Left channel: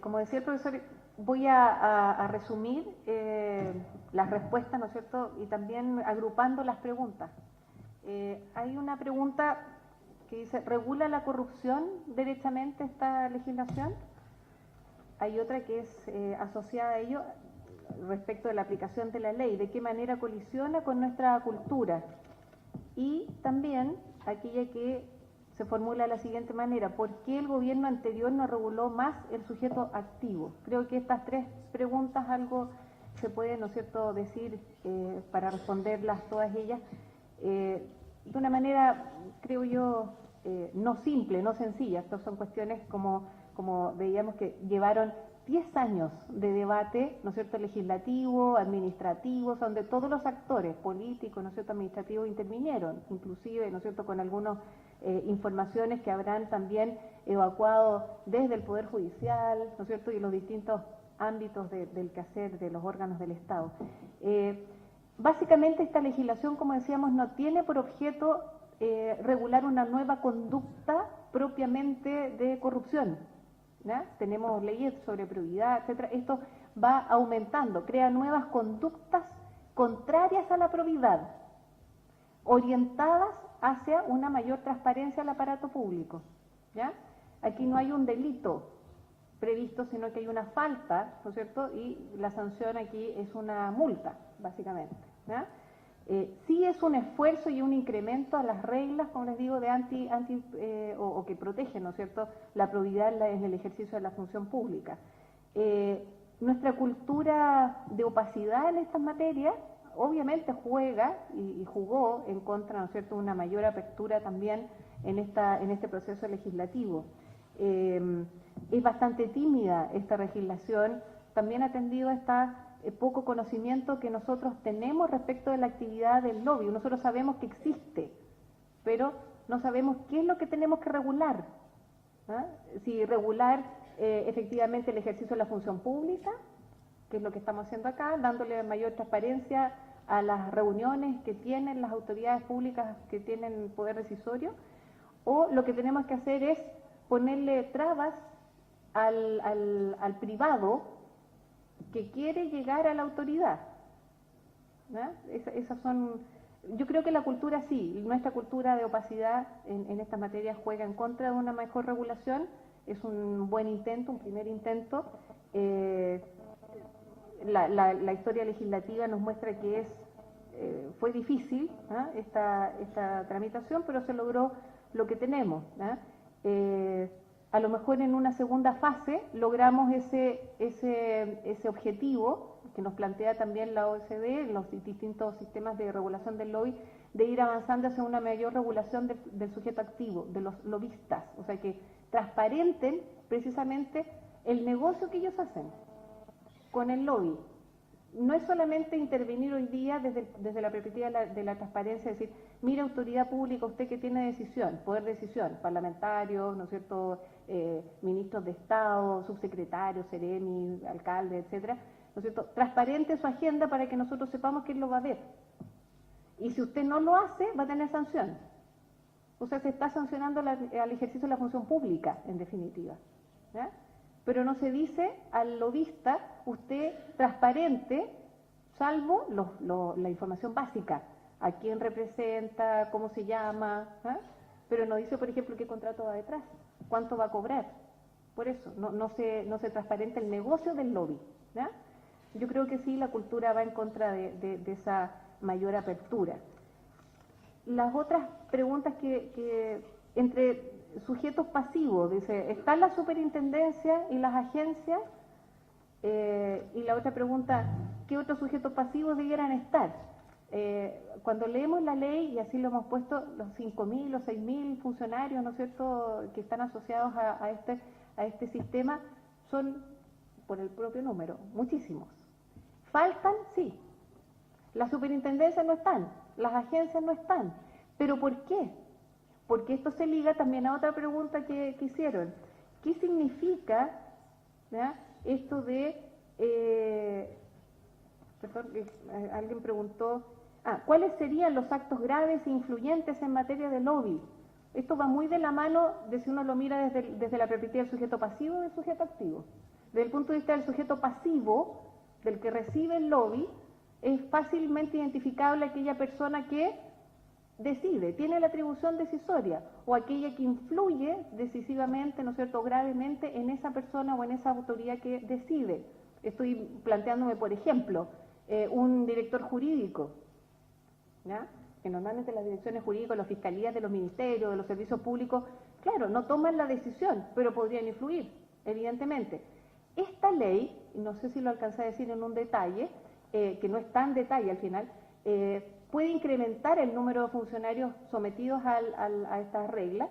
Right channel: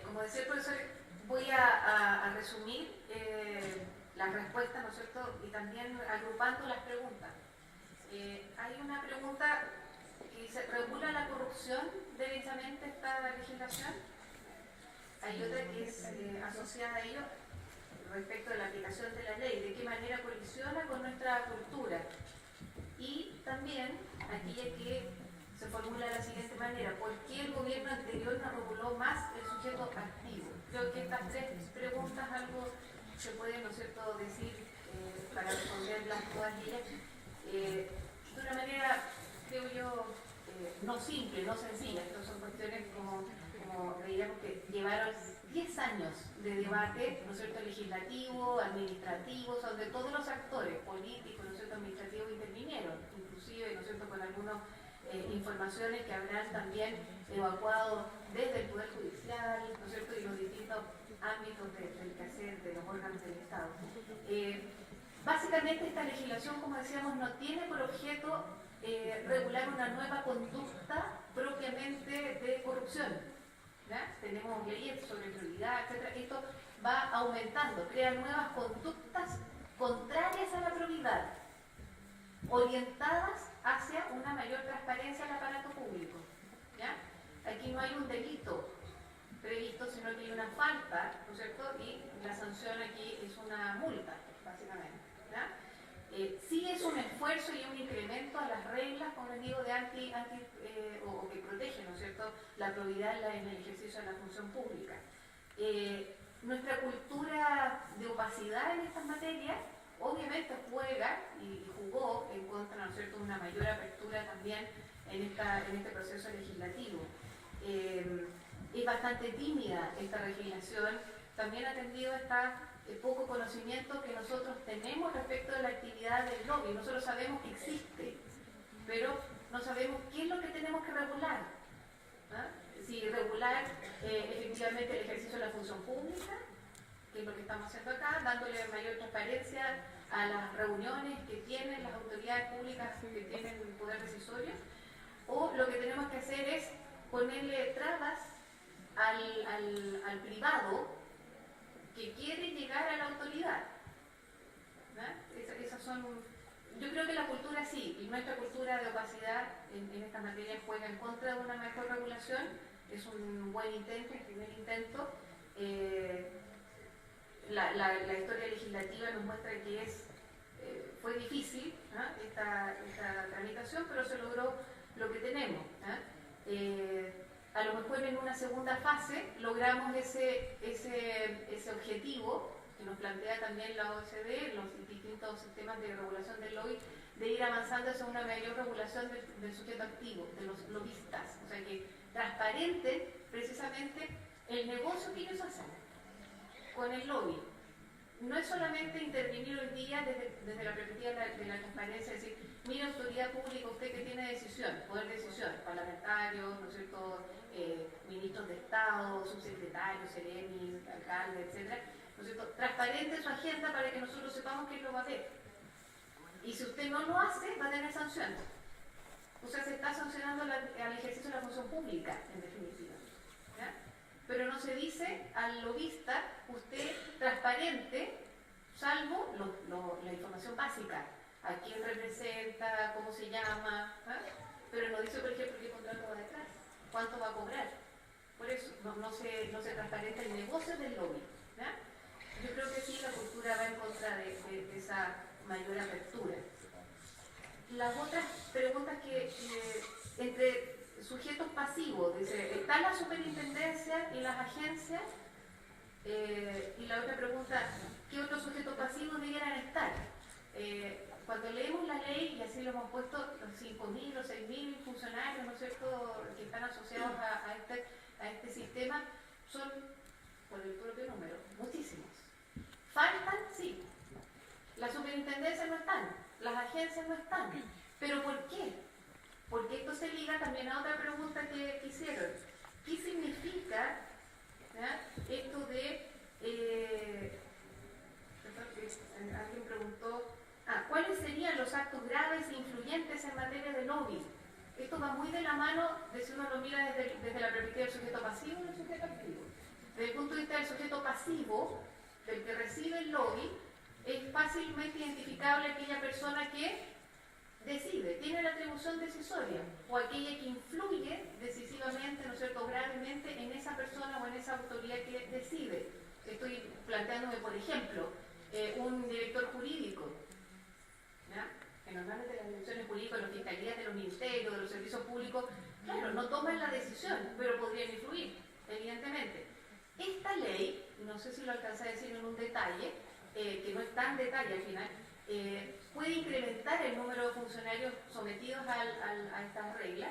Como decía el profesor, voy a resumir las respuestas, ¿no es cierto? Y también agrupando las preguntas. Hay una pregunta que dice, ¿regula la corrupción derechamente esta legislación? Hay otra que es asociada a ello respecto de la aplicación de la ley, de qué manera colisiona con nuestra cultura. Y también aquella que se formula de la siguiente manera, ¿por qué el gobierno anterior no reguló más el sujeto activo? Creo que estas tres preguntas algo se puede, ¿no es cierto?, decir para responderlas todas ellas de una manera, creo yo, no simple, no sencilla. Estas son cuestiones como veíamos que llevaron 10 años de debate, ¿no es cierto?, legislativo, administrativo, donde todos los actores políticos, ¿no es cierto?, administrativos intervinieron, inclusive, ¿no es cierto?, con algunas informaciones que habrán también evacuado desde el Poder Judicial, ¿no es cierto?, y los distintos ámbitos del quehacer de los órganos del Estado. Básicamente esta legislación, como decíamos, no tiene por objeto regular una nueva conducta propiamente de corrupción. ¿Ya? Tenemos leyes sobre probidad, etc. Esto va aumentando, crea nuevas conductas contrarias a la probidad, orientadas hacia una mayor transparencia del aparato público. ¿Ya? Aquí no hay un delito previsto, sino que hay una falta, ¿no es cierto? Y la sanción aquí es una multa, básicamente. ¿Ya? Sí es un esfuerzo y un incremento a las reglas, como les digo, de o que protegen, ¿no es cierto?, la probidad en el ejercicio de la función pública. Nuestra cultura de opacidad en estas materias obviamente juega y jugó en contra, ¿no es cierto?, una mayor apertura también en este proceso legislativo. Es bastante tímida esta legislación, también atendido a esta poco conocimiento que nosotros tenemos respecto de la actividad del lobby. Nosotros sabemos que existe, pero no sabemos qué es lo que tenemos que regular. ¿Ah? Si regular efectivamente el ejercicio de la función pública, que es lo que estamos haciendo acá, dándole mayor transparencia a las reuniones que tienen las autoridades públicas que tienen el poder decisorio, o lo que tenemos que hacer es ponerle trabas al privado que quiere llegar a la autoridad. Esas son, yo creo que la cultura sí, y nuestra cultura de opacidad en estas materias juega en contra de una mejor regulación. Es un buen intento, un primer intento. La historia legislativa nos muestra que fue difícil esta tramitación, pero se logró lo que tenemos. A lo mejor en una segunda fase logramos ese objetivo que nos plantea también la OCDE, los distintos sistemas de regulación del lobby, de ir avanzando hacia una mayor regulación del sujeto activo, de los lobistas, o sea que transparenten precisamente el negocio que ellos hacen con el lobby. No es solamente intervenir hoy día desde la perspectiva de la transparencia, es decir, mira, autoridad pública, usted que tiene decisión, poder de decisión, parlamentarios, ¿no es cierto?, ministros de Estado, subsecretarios, seremi, alcaldes, etcétera, ¿no es cierto?, transparente su agenda para que nosotros sepamos que él lo va a ver. Y si usted no lo hace, va a tener sanción. O sea, se está sancionando al ejercicio de la función pública, en definitiva. ¿Ya? Pero no se dice al lobista, usted transparente, salvo la información básica, a quién representa, cómo se llama, pero no dice, por ejemplo, qué contrato va detrás, cuánto va a cobrar. Por eso, no se transparenta el negocio del lobby. ¿Ya? Yo creo que sí, la cultura va en contra de esa mayor apertura. Las otras preguntas que entre sujetos pasivos, dice, ¿está la superintendencia y las agencias? Y la otra pregunta, ¿qué otros sujetos pasivos debieran estar? Cuando leemos la ley, y así lo hemos puesto, los 5.000 o 6.000 funcionarios, ¿no es cierto?, que están asociados a este sistema, son, por el propio número, muchísimos. ¿Faltan? Sí. Las superintendencias no están, las agencias no están. ¿Pero por qué? Porque esto se liga también a otra pregunta que hicieron. ¿Qué significa esto de... alguien preguntó, ¿cuáles serían los actos graves e influyentes en materia de lobby? Esto va muy de la mano de si uno lo mira desde la perspectiva del sujeto pasivo y del sujeto activo. Desde el punto de vista del sujeto pasivo, del que recibe el lobby, es fácilmente identificable aquella persona que decide, tiene la atribución decisoria, o aquella que influye decisivamente, ¿no es cierto?, gravemente en esa persona o en esa autoridad que decide. Estoy planteándome, por ejemplo, un director jurídico, ¿ya?, que normalmente las direcciones jurídicas, las fiscalías de los ministerios, de los servicios públicos, claro, no toman la decisión, pero podrían influir, evidentemente. Esta ley, no sé si lo alcancé a decir en un detalle, que no es tan detalle al final, puede incrementar el número de funcionarios sometidos a estas reglas,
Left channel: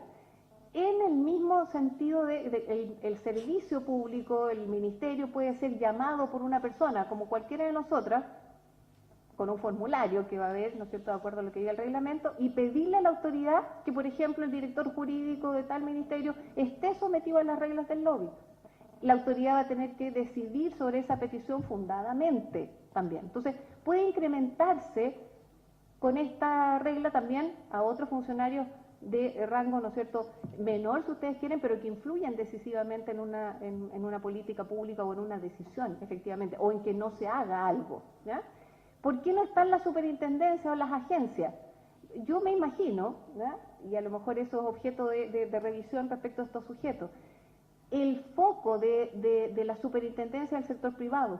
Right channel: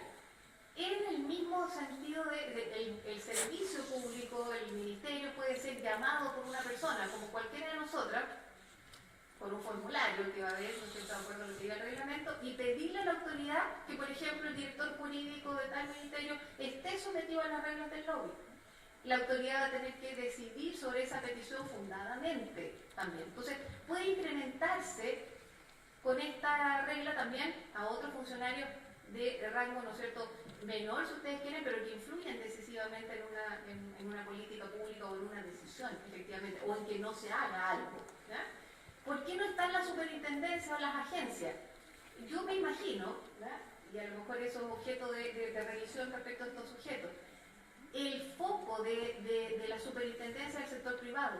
en el mismo sentido de el servicio público, el ministerio puede ser llamado por una persona, como cualquiera de nosotras, con un formulario que va a haber, no estoy de acuerdo a lo que diga el reglamento, y pedirle a la autoridad que, por ejemplo, el director jurídico de tal ministerio esté sometido a las reglas del lobby. La autoridad va a tener que decidir sobre esa petición fundadamente también. Entonces, puede incrementarse con esta regla también a otros funcionarios de rango, ¿no es cierto?, menor, si ustedes quieren, pero que influyen decisivamente en una política pública o en una decisión, efectivamente, o en que no se haga algo, ¿ya? ¿Por qué no están las superintendencias o las agencias? Yo me imagino, ¿ya?, y a lo mejor eso es objeto de revisión respecto a estos sujetos, el foco de la superintendencia del sector privado.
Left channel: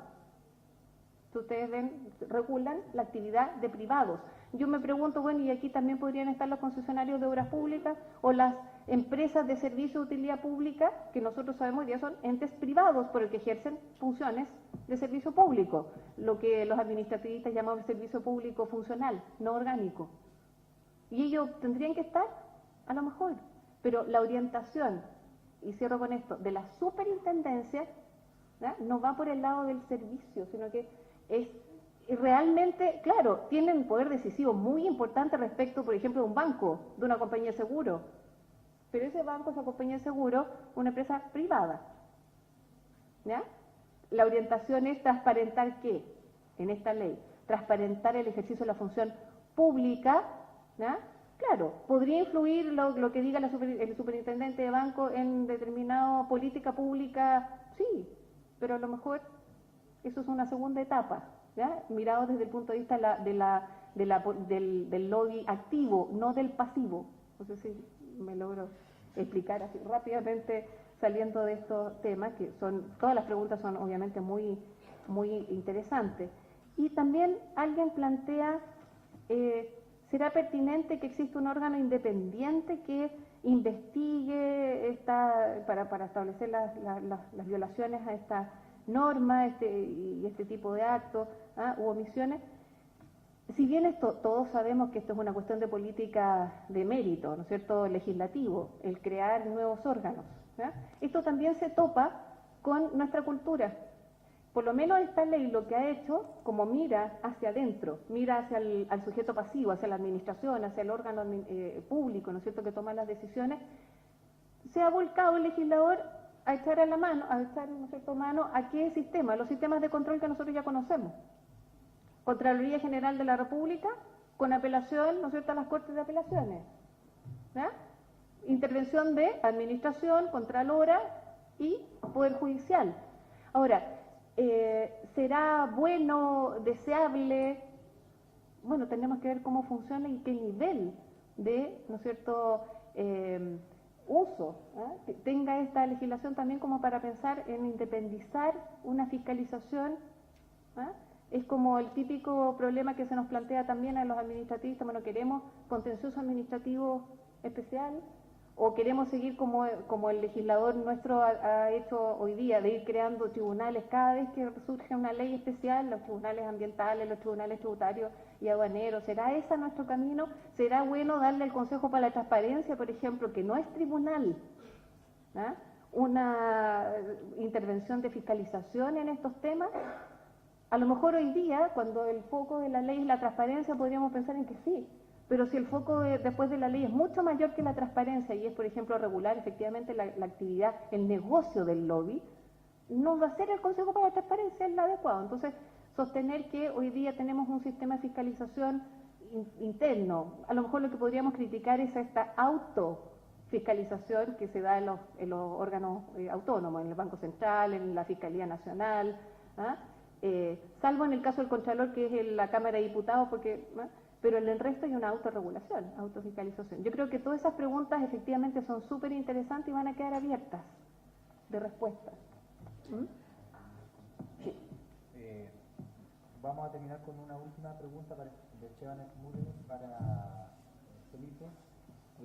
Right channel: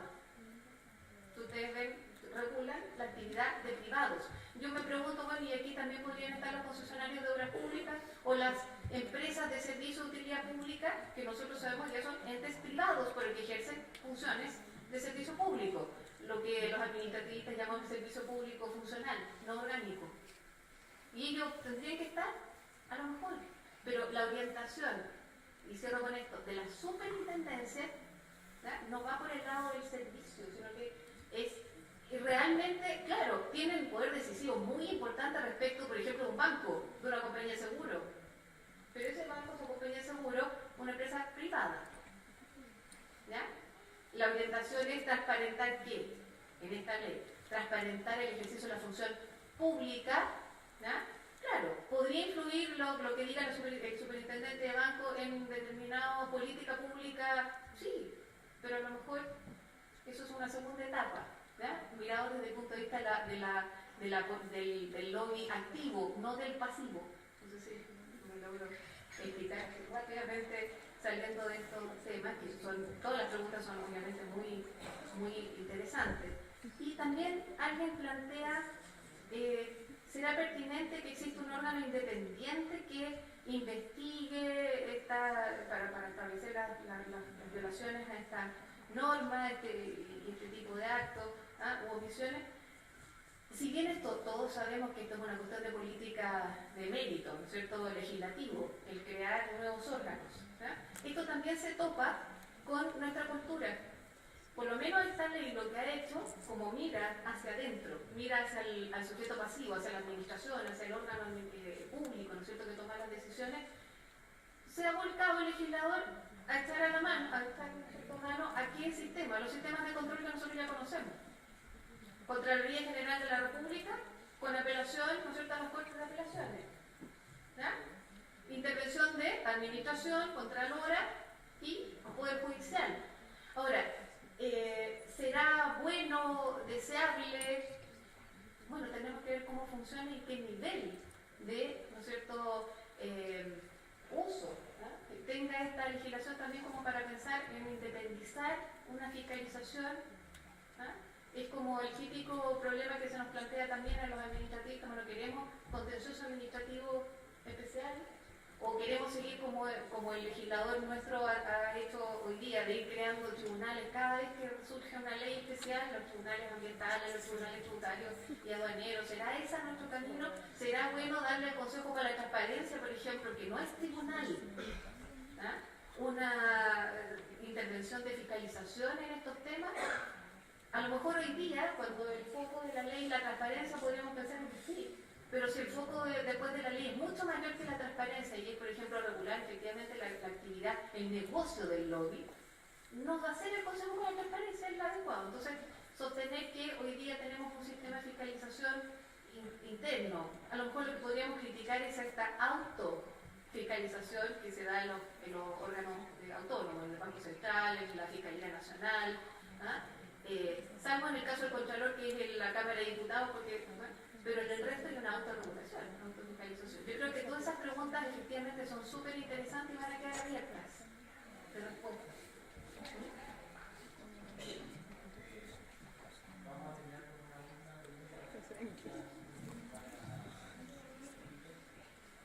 Ustedes ven, regulan la actividad de privados. Yo me pregunto, bueno, y aquí también podrían estar los concesionarios de obras públicas o las empresas de servicio de utilidad pública, que nosotros sabemos ya son entes privados por el que ejercen funciones de servicio público, lo que los administrativistas llaman servicio público funcional, no orgánico. Y ellos tendrían que estar, a lo mejor, pero la orientación, y cierro con esto, de la superintendencia, ¿ya?, no va por el lado del servicio, sino que es realmente, claro, tienen un poder decisivo muy importante respecto, por ejemplo, de un banco, de una compañía de seguro. Pero ese banco, esa compañía de seguro, una empresa privada. ¿Ya? La orientación es transparentar ¿qué? En esta ley. Transparentar el ejercicio de la función pública. ¿Ya? Claro, podría influir lo que diga el superintendente de banco en determinada política pública, sí, pero a lo mejor eso es una segunda etapa, ¿ya?, mirado desde el punto de vista del lobby activo, no del pasivo. No sé si me logro explicar así rápidamente saliendo de estos temas, que son, todas las preguntas son obviamente muy, muy interesantes. Y también alguien plantea, ¿será pertinente que exista un órgano independiente que investigue para establecer las violaciones a esta norma y este tipo de actos u omisiones? Si bien todos sabemos que esto es una cuestión de política de mérito, ¿no es cierto?, legislativo, el crear nuevos órganos, ¿ya?, esto también se topa con nuestra cultura. Por lo menos esta ley lo que ha hecho, como mira hacia adentro, mira hacia al sujeto pasivo, hacia la administración, hacia el órgano público, ¿no es cierto?, que toma las decisiones, se ha volcado el legislador a echar a la mano, a qué sistema, los sistemas de control que nosotros ya conocemos. Contraloría General de la República, con apelación, ¿no es cierto?, a las Cortes de Apelaciones. ¿Ya? Intervención de Administración, Contralora y Poder Judicial. Ahora, ¿será bueno, deseable? Bueno, tenemos que ver cómo funciona y qué nivel de, ¿no es cierto?, uso, ¿eh?, que tenga esta legislación también como para pensar en independizar una fiscalización. Es como el típico problema que se nos plantea también a los administrativos, como lo queremos, contencioso administrativo especial, o queremos seguir como el legislador nuestro ha hecho hoy día, de ir creando tribunales cada vez que surge una ley especial, los tribunales ambientales, los tribunales tributarios y aduaneros. ¿Será ese nuestro camino? ¿Será bueno darle al Consejo para la Transparencia, por ejemplo, que no es tribunal, una intervención de fiscalización en estos temas? A lo mejor hoy día, cuando el foco de la ley y la transparencia, podríamos pensar en que sí, pero si el foco después de la ley es mucho mayor que la transparencia y es, por ejemplo, regular efectivamente la actividad, el negocio del lobby, no va a ser el Consejo para la Transparencia el adecuado. Entonces, sostener que hoy día tenemos un sistema de fiscalización interno, a lo mejor lo que podríamos criticar es esta fiscalización que se da en los órganos autónomos, en el Banco Central, en la Fiscalía Nacional, salvo en el caso del Contralor, que es en la Cámara de Diputados, pero en el resto hay una autorregulación, autofiscalización. Yo creo que todas esas preguntas efectivamente son súper interesantes y van a quedar abiertas de respuesta. Vamos a terminar con una última pregunta para Felipe.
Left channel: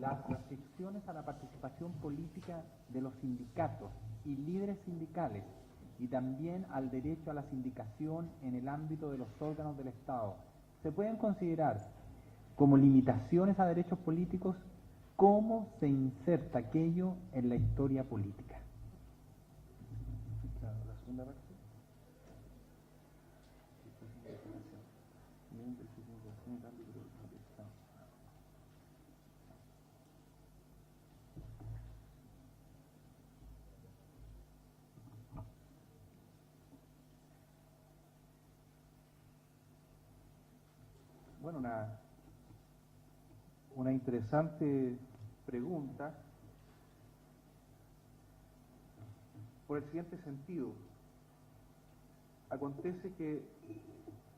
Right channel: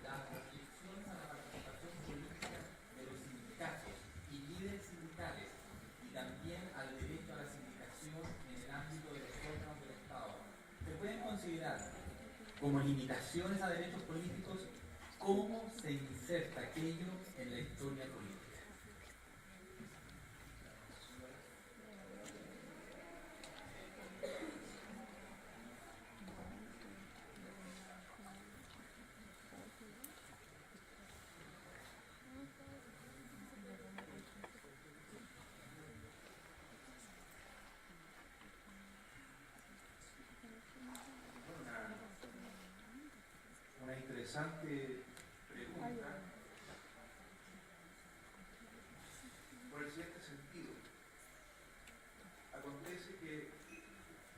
Las restricciones a la participación política de los sindicatos y líderes sindicales y también al derecho a la sindicación en el ámbito de los órganos del Estado se pueden considerar como limitaciones a derechos políticos. ¿Cómo se inserta aquello en la historia política? Bueno, una interesante pregunta por el siguiente sentido. Acontece que,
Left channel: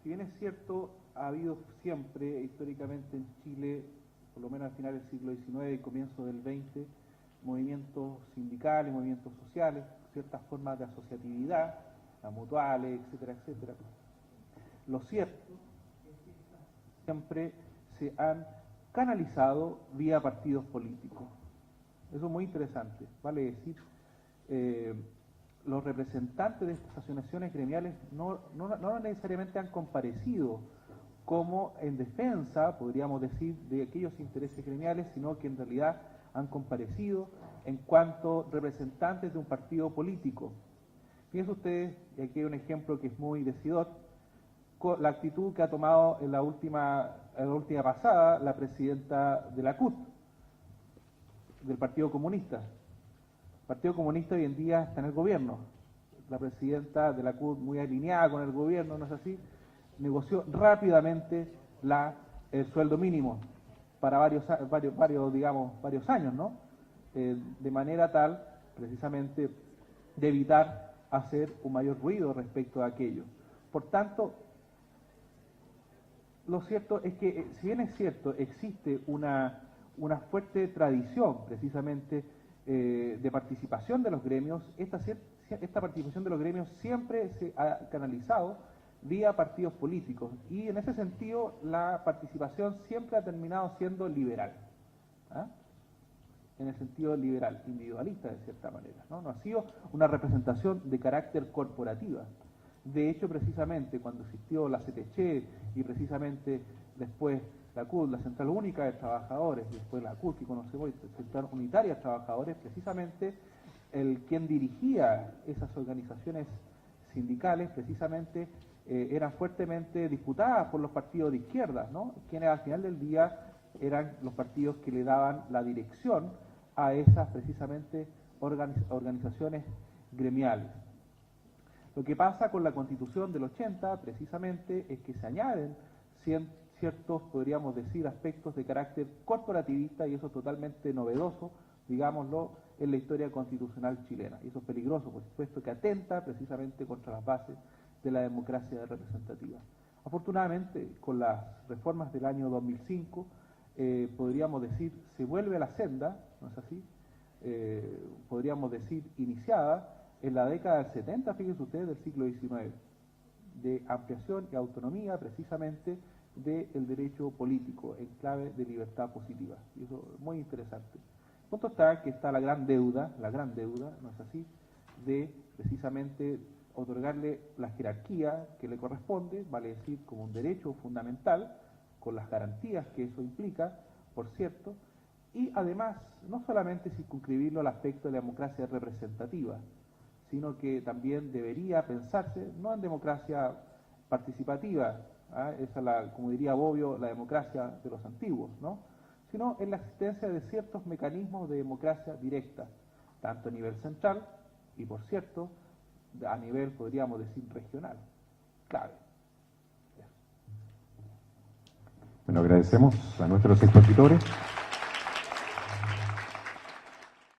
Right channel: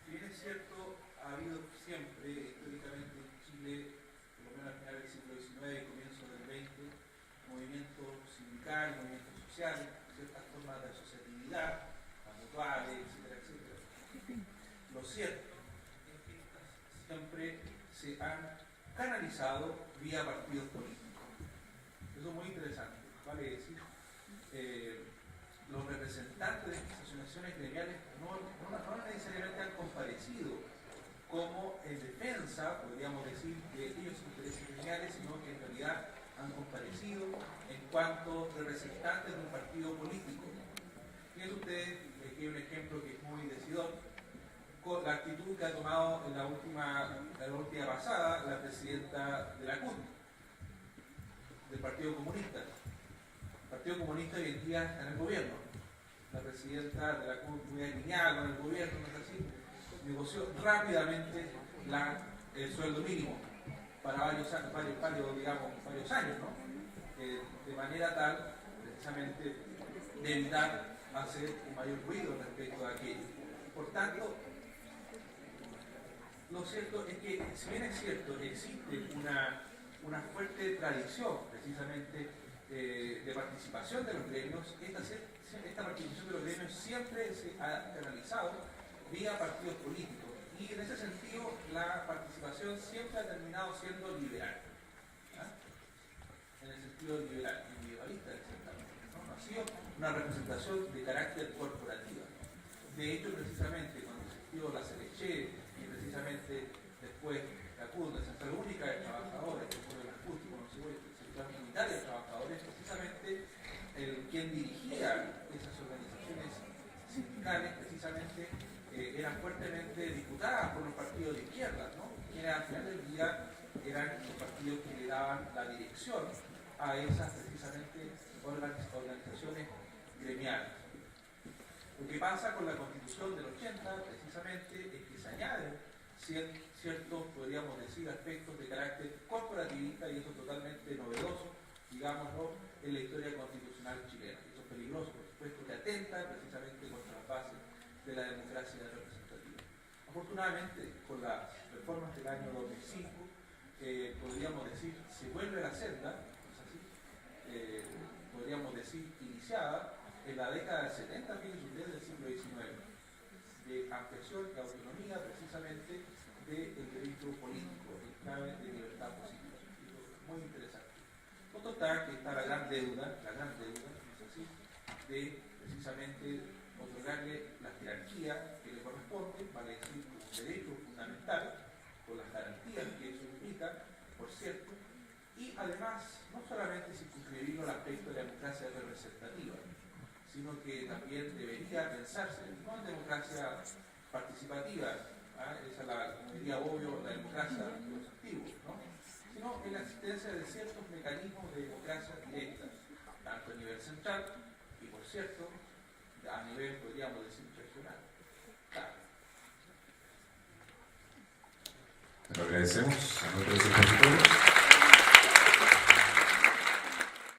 si bien es cierto, ha habido siempre, históricamente en Chile, por lo menos al final del siglo XIX y comienzo del XX, movimientos sindicales, movimientos sociales, ciertas formas de asociatividad, las mutuales, etcétera, etcétera. Lo cierto siempre se han canalizado vía partidos políticos. Eso es muy interesante, vale decir, los representantes de estas asociaciones gremiales no necesariamente han comparecido como en defensa, podríamos decir, de aquellos intereses gremiales, sino que en realidad han comparecido en cuanto representantes de un partido político. Fíjense ustedes, aquí hay un ejemplo que es muy decidor, la actitud que ha tomado en la última pasada la presidenta de la CUT, del Partido Comunista. El Partido Comunista hoy en día está en el gobierno. La presidenta de la CUT, muy alineada con el gobierno, no es así, negoció rápidamente el sueldo mínimo para varios años, ¿no? De manera tal, precisamente, de evitar hacer un mayor ruido respecto a aquello. Por tanto, lo cierto es que, si bien es cierto, existe una fuerte tradición, precisamente, de participación de los gremios, esta participación de los gremios siempre se ha canalizado vía partidos políticos, y en ese sentido la participación siempre ha terminado siendo liberal, en el sentido liberal, individualista de cierta manera, no ha sido una representación de carácter corporativa. De hecho, precisamente cuando existió la CTC y precisamente después la CUT, la Central Única de Trabajadores, después la CUT, y conocemos la Central Unitaria de Trabajadores, precisamente quien dirigía esas organizaciones sindicales, precisamente eran fuertemente disputadas por los partidos de izquierda, ¿no? Quienes al final del día eran los partidos que le daban la dirección a esas precisamente organizaciones gremiales. Lo que pasa con la Constitución del 80, precisamente, es que se añaden ciertos, podríamos decir, aspectos de carácter corporativista, y eso es totalmente novedoso, digámoslo, en la historia constitucional chilena. Y eso es peligroso, por supuesto, que atenta precisamente contra las bases de la democracia representativa. Afortunadamente, con las reformas del año 2005, podríamos decir, se vuelve a la senda, ¿no es así? Podríamos decir, iniciada en la década del 70, fíjense ustedes, del siglo XIX, de ampliación y autonomía precisamente del derecho político en clave de libertad positiva. Y eso es muy interesante. Punto está que está la gran deuda, ¿no es así?, de precisamente otorgarle la jerarquía que le corresponde, vale decir, como un derecho fundamental, con las garantías que eso implica, por cierto, y además no solamente circunscribirlo al aspecto de la democracia representativa, sino que también debería pensarse no en democracia participativa, esa es como diría Bobbio, la democracia de los antiguos, ¿no?, sino en la existencia de ciertos mecanismos de democracia directa, tanto a nivel central y, por cierto, a nivel, podríamos decir, regional. Claro. Bueno, agradecemos a nuestros expositores.